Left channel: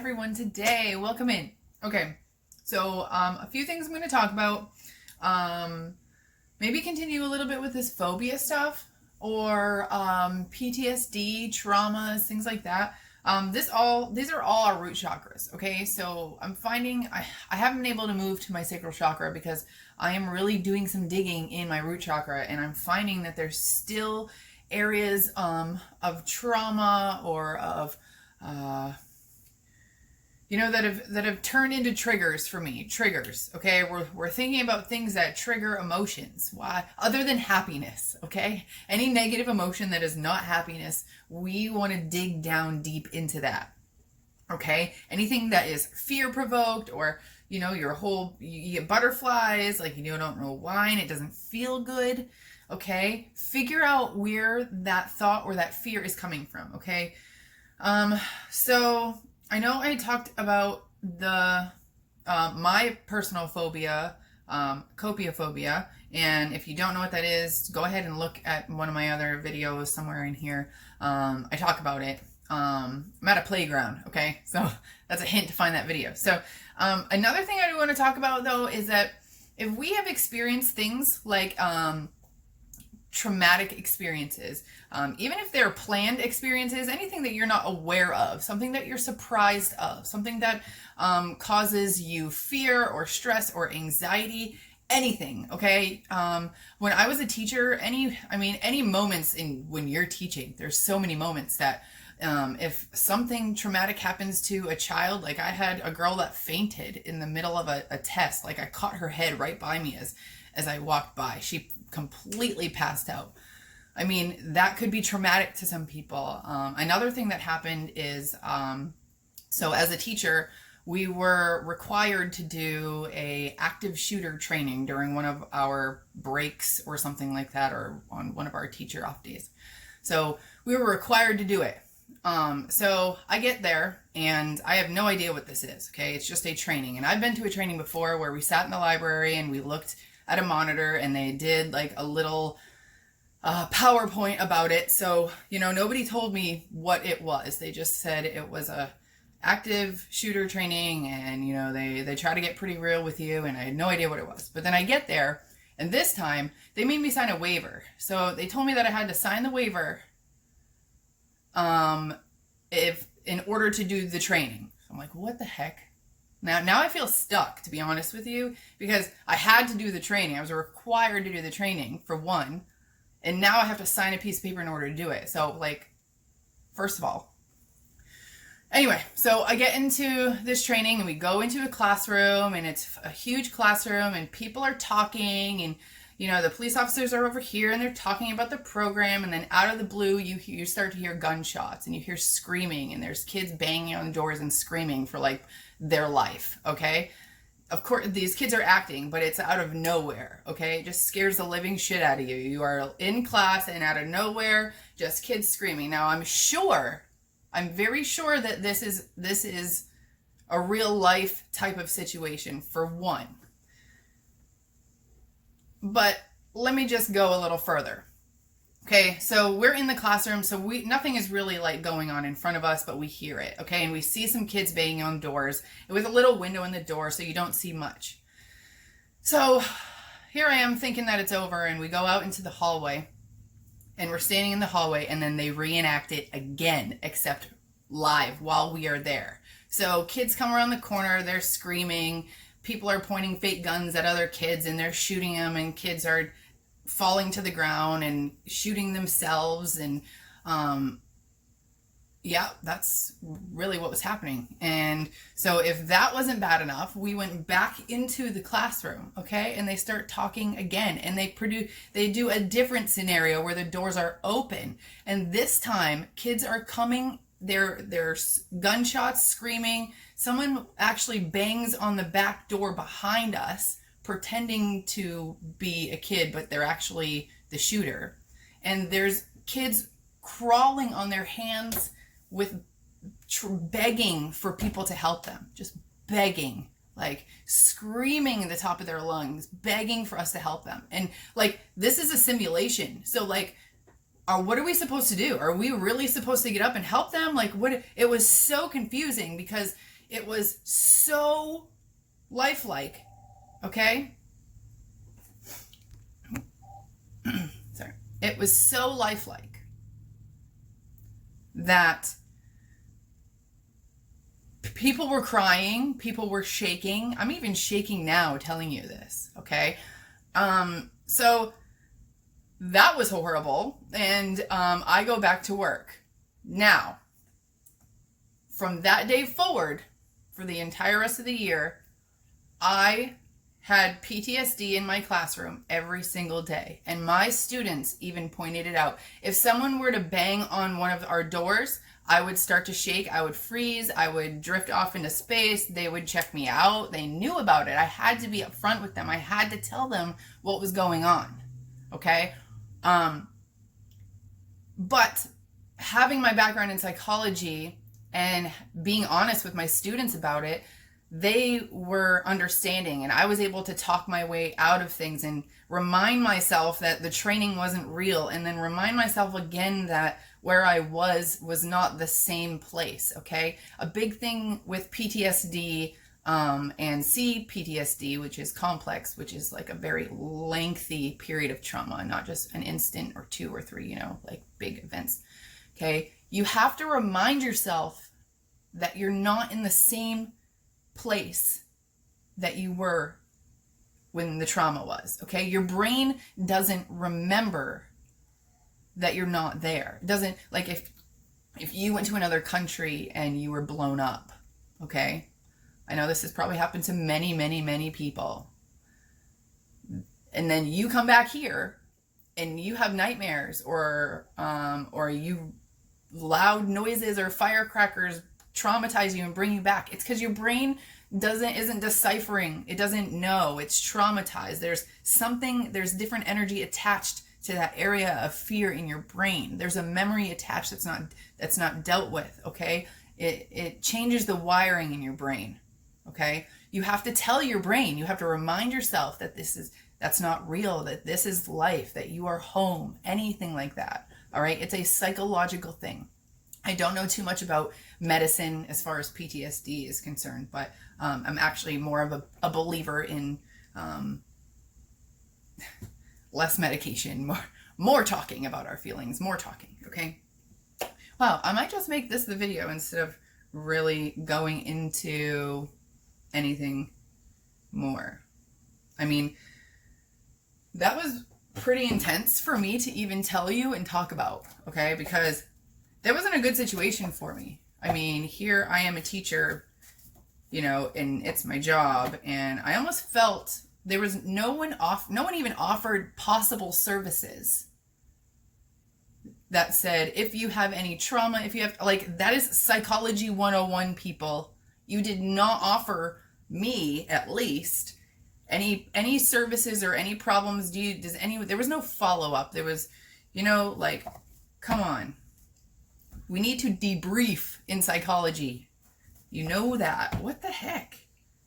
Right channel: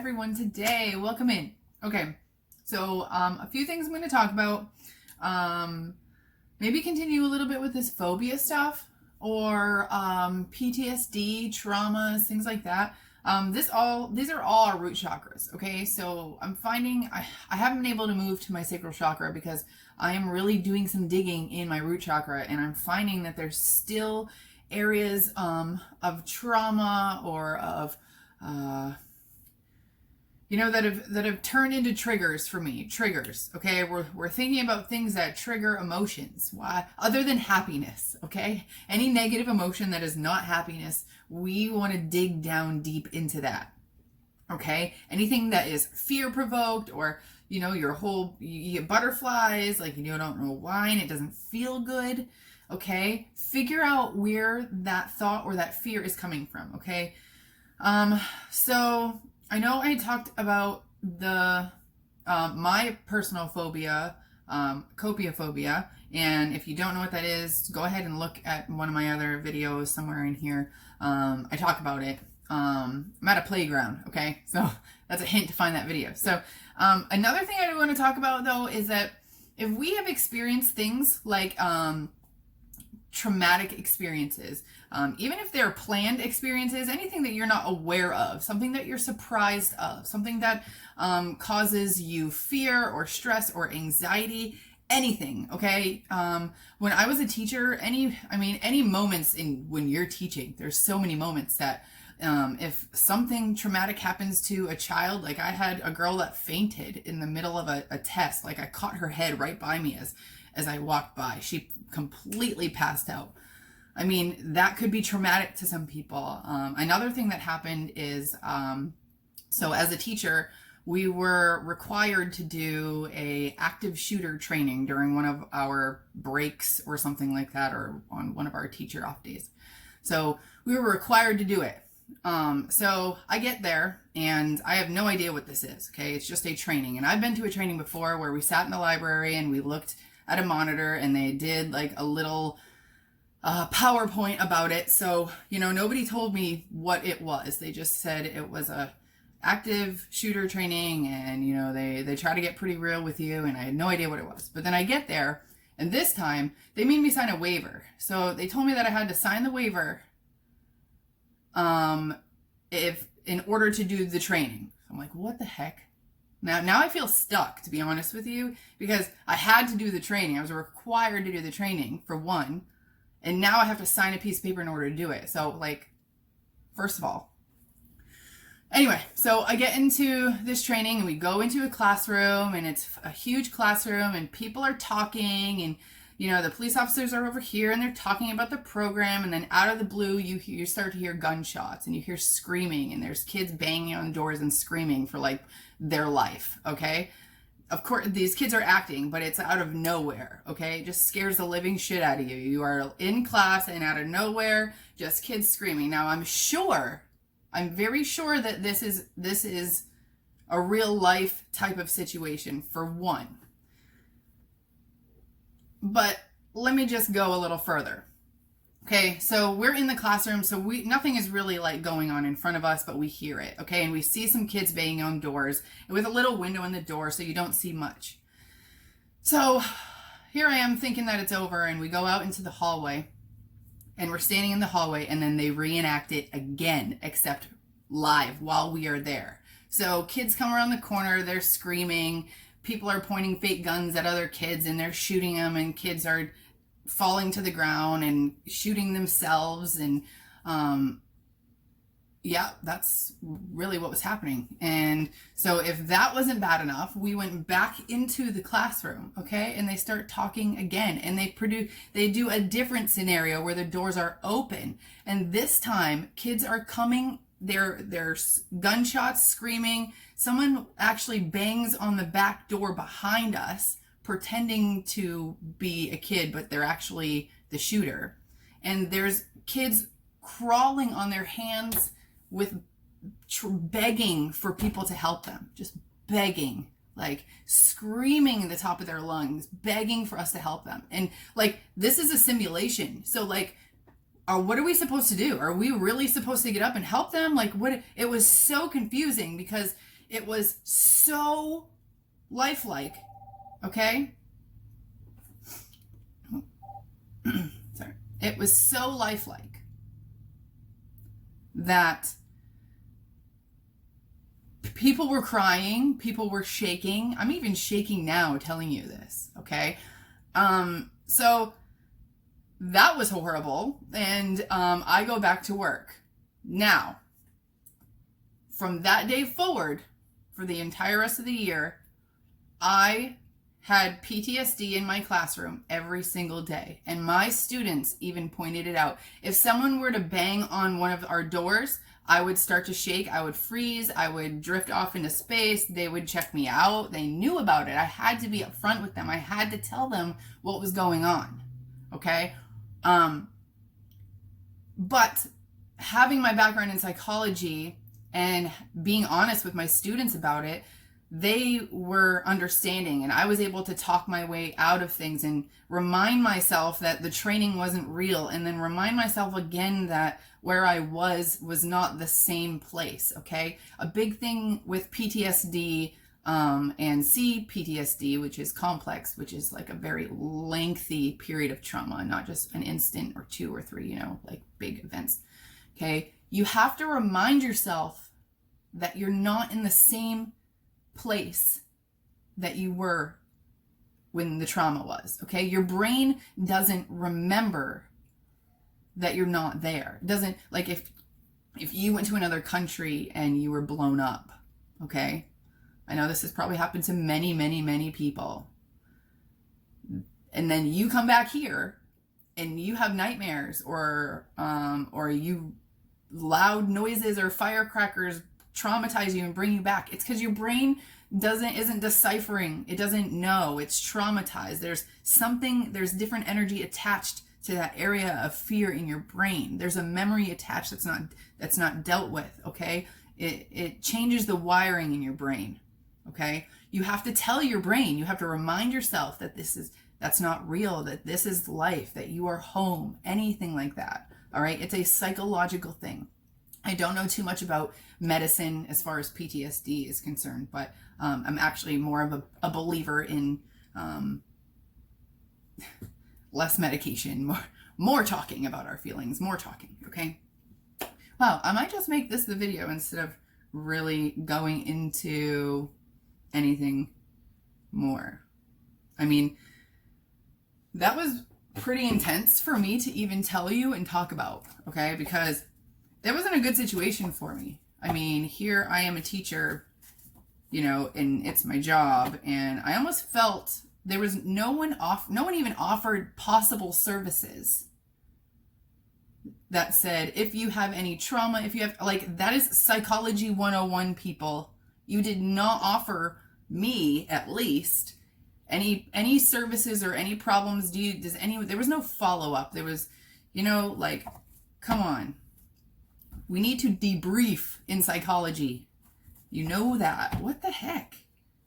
everyone today. Welcome in. Okay, so a few things I'm going to talk about. Maybe continue a little bit with this phobia stuff or PTSD, traumas, things like that. These are all our root chakras, okay? So I'm finding I haven't been able to move to my sacral chakra because I am really doing some digging in my root chakra, and I'm finding that there's still areas of trauma or of that have turned into triggers for me. Triggers, okay? We're thinking about things that trigger emotions. Why? Other than happiness, okay? Any negative emotion that is not happiness, we want to dig down deep into that, okay? Anything that is fear-provoked or, you get butterflies, like you don't know why, and it doesn't feel good, okay? Figure out where that thought or that fear is coming from, okay? So I know I talked about my personal phobia, copiaphobia, and if you don't know what that is, go ahead and look at one of my other videos somewhere in here. I talk about it. I'm at a playground, okay? So that's a hint to find that video. So another thing I want to talk about, though, is that if we have experienced things like traumatic experiences, even if they're planned experiences, anything that you're not aware of, something that you're surprised of, something that causes you fear or stress or anxiety, anything, okay? When I was a teacher, any moments when you're teaching, there's so many moments that if something traumatic happens to a child, like I had a girl that fainted in the middle of a test, like I caught her head right by me as I walked by. She completely passed out. That could be traumatic to some people. Another thing that happened is, so as a teacher, we were required to do a active shooter training during one of our breaks or something like that, or on one of our teacher off days. So we were required to do it. So I get there and I have no idea what this is. Okay. It's just a training. And I've been to a training before where we sat in the library and we looked at a monitor and they did like a little PowerPoint about it. So, nobody told me what it was. They just said it was a active shooter training and, they try to get pretty real with you, and I had no idea what it was. But then I get there, and this time they made me sign a waiver. So they told me that I had to sign the waiver if in order to do the training. I'm like, what the heck? Now I feel stuck, to be honest with you, because I had to do the training. I was required to do the training, for one, and now I have to sign a piece of paper in order to do it. So, first of all. Anyway, so I get into this training, and we go into a classroom, and it's a huge classroom, and people are talking, and, the police officers are over here, and they're talking about the program, and then out of the blue, you start to hear gunshots, and you hear screaming, and there's kids banging on doors and screaming for, their life, okay? Of course, these kids are acting, but it's out of nowhere, okay? It just scares the living shit out of you. You are in class, and out of nowhere, just kids screaming. Now, I'm very sure that this is a real life type of situation, for one. But let me just go a little further. Okay, so we're in the classroom, so nothing is really going on in front of us, but we hear it, okay? And we see some kids banging on doors with a little window in the door, so you don't see much. So here I am thinking that it's over, and we go out into the hallway, and we're standing in the hallway, and then they reenact it again, except live while we are there. So kids come around the corner, they're screaming, people are pointing fake guns at other kids, and they're shooting them, and kids are falling to the ground and shooting themselves, and that's really what was happening. And so if that wasn't bad enough, we went back into the classroom, okay, and they start talking again, and they do a different scenario where the doors are open, and this time kids are coming, there's gunshots, screaming. Someone actually bangs on the back door behind us, pretending to be a kid, but they're actually the shooter. And there's kids crawling on their hands with begging for people to help them, just begging, screaming at the top of their lungs, begging for us to help them. And this is a simulation. So what are we supposed to do? Are we really supposed to get up and help them? It was so confusing because It was so lifelike, okay? Sorry. It was so lifelike that people were crying, people were shaking. I'm even shaking now telling you this, okay? So that was horrible, and I go back to work. Now, from that day forward, for the entire rest of the year, I had PTSD in my classroom every single day, and my students even pointed it out. If someone were to bang on one of our doors, I would start to shake, I would freeze, I would drift off into space, they would check me out, they knew about it. I had to be upfront with them. I had to tell them what was going on, okay? But having my background in psychology and being honest with my students about it, they were understanding, and I was able to talk my way out of things and remind myself that the training wasn't real, and then remind myself again that where I was not the same place, okay? A big thing with PTSD and CPTSD, which is complex, which is like a very lengthy period of trauma, not just an instant or 2 or 3, like big events, okay? You have to remind yourself that you're not in the same place that you were when the trauma was, okay? Your brain doesn't remember that you're not there. It doesn't, like if you went to another country and you were blown up, okay? I know this has probably happened to many, many, many people. And then you come back here and you have nightmares or you loud noises or firecrackers traumatize you and bring you back. It's because your brain isn't deciphering. It doesn't know. It's traumatized. There's different energy attached to that area of fear in your brain. There's a memory attached that's not dealt with, okay? It changes the wiring in your brain, okay? You have to tell your brain, you have to remind yourself that that's not real, that this is life, that you are home, anything like that, all right? It's a psychological thing. I don't know too much about medicine as far as PTSD is concerned, but I'm actually more of a believer in less medication, more talking about our feelings, more talking, okay? Wow, I might just make this the video instead of really going into anything more. I mean, that was pretty intense for me to even tell you and talk about, okay? Because that wasn't a good situation for me. I mean, here I am a teacher, and it's my job, and I almost felt there was no one even offered possible services that said, if you have any trauma, if you have, like, that is psychology 101, people. You did not offer me, at least, any services or any problems. There was no follow-up. There was, like, come on. We need to debrief in psychology. You know that. What the heck?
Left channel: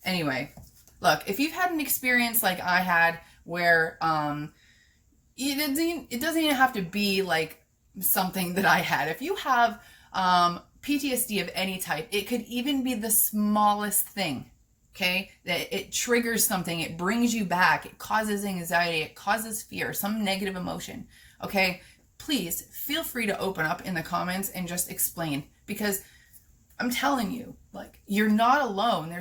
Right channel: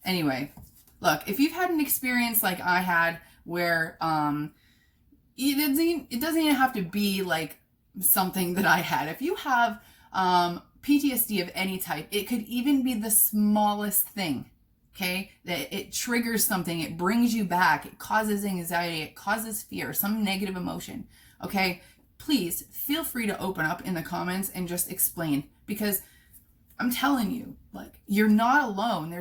Anyway, look, if you've had an experience like I had where it doesn't even have to be like something that I had. If you have PTSD of any type, it could even be the smallest thing, okay? That it triggers something, it brings you back, it causes anxiety, it causes fear, some negative emotion, okay? Please feel free to open up in the comments and just explain, because I'm telling you, like, you're not alone.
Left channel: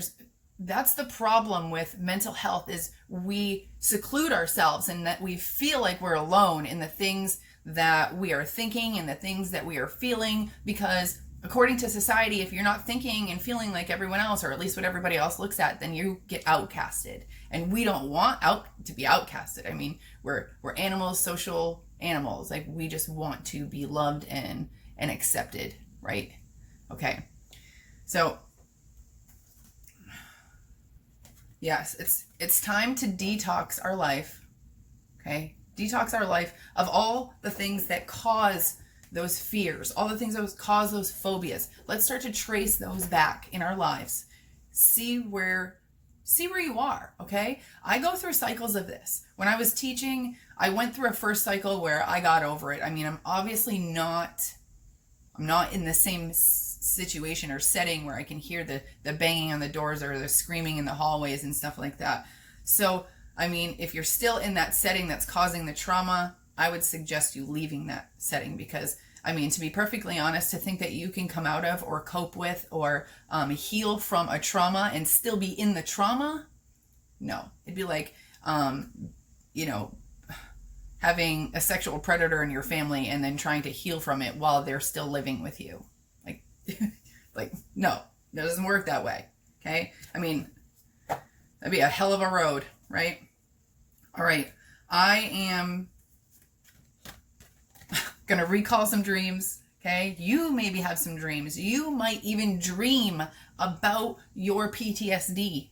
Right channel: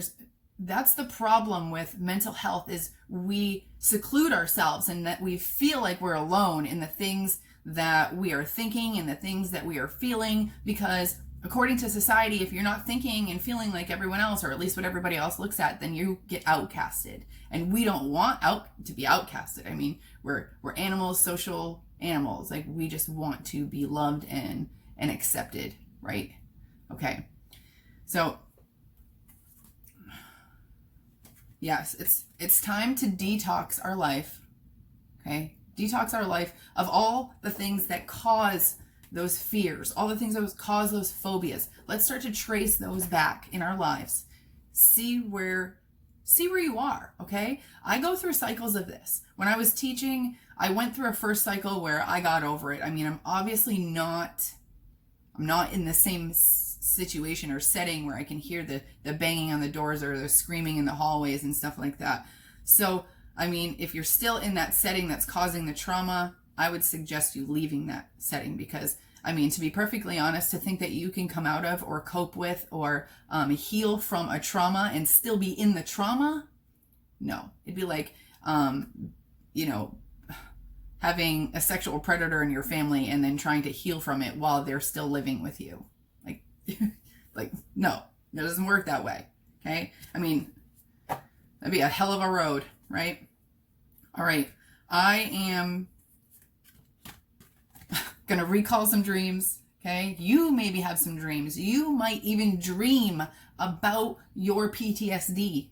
That's the problem with mental health, is we seclude ourselves and that we feel like we're alone in the things that we are thinking and the things that we are feeling, because according to society, if you're not thinking and feeling like everyone else, or at least what everybody else looks at, then you get outcasted. And we don't want to be outcasted. I mean, we're animals, social animals. Like, we just want to be loved and accepted, right? Okay. So yes, it's time to detox our life, okay? Detox our life of all the things that cause those fears, all the things that cause those phobias. Let's start to trace those back in our lives. See where you are, okay? I go through cycles of this. When I was teaching, I went through a first cycle where I got over it. I mean, I'm obviously not in the same situation or setting where I can hear the banging on the doors or the screaming in the hallways and stuff like that. So, I mean, if you're still in that setting that's causing the trauma, I would suggest you leaving that setting, because, I mean, to be perfectly honest, to think that you can come out of or cope with or heal from a trauma and still be in the trauma, no. It'd be like, you know, having a sexual predator in your family and then trying to heal from it while they're still living with you. Like, like, no, it doesn't work that way. Okay. I mean, that'd be a hell of a road, right? All right. I am going to recall some dreams. Okay. You maybe have some dreams. You might even dream about your PTSD.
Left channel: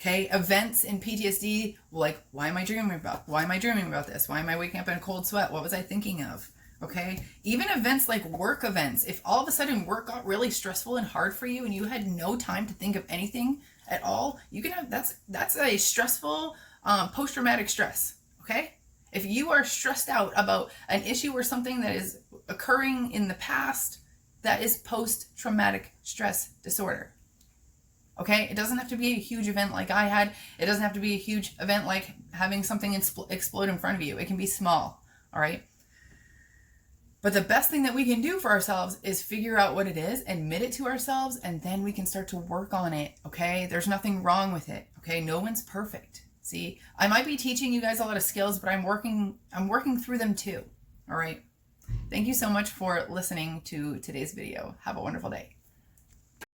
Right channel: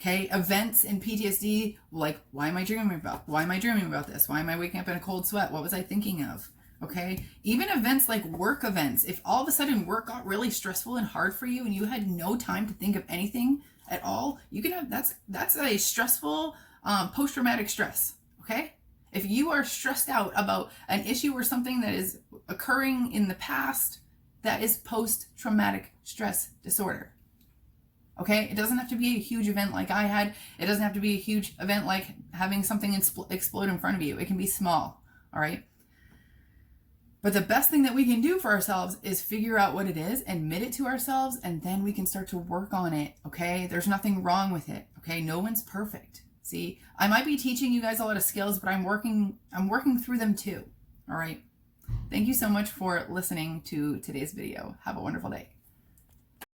Okay, events in PTSD, like, why am I dreaming about? Why am I dreaming about this? Why am I waking up in a cold sweat? What was I thinking of? Okay, even events like work events. If all of a sudden work got really stressful and hard for you and you had no time to think of anything at all, you can have, that's a stressful post-traumatic stress. Okay, if you are stressed out about an issue or something that is occurring in the past, that is post-traumatic stress disorder. Okay, it doesn't have to be a huge event like I had. It doesn't have to be a huge event like having something explode in front of you. It can be small, all right? But the best thing that we can do for ourselves is figure out what it is, admit it to ourselves, and then we can start to work on it, okay? There's nothing wrong with it, okay? No one's perfect. See, I might be teaching you guys a lot of skills, but I'm working through them too, all right? Thank you so much for listening to today's video. Have a wonderful day.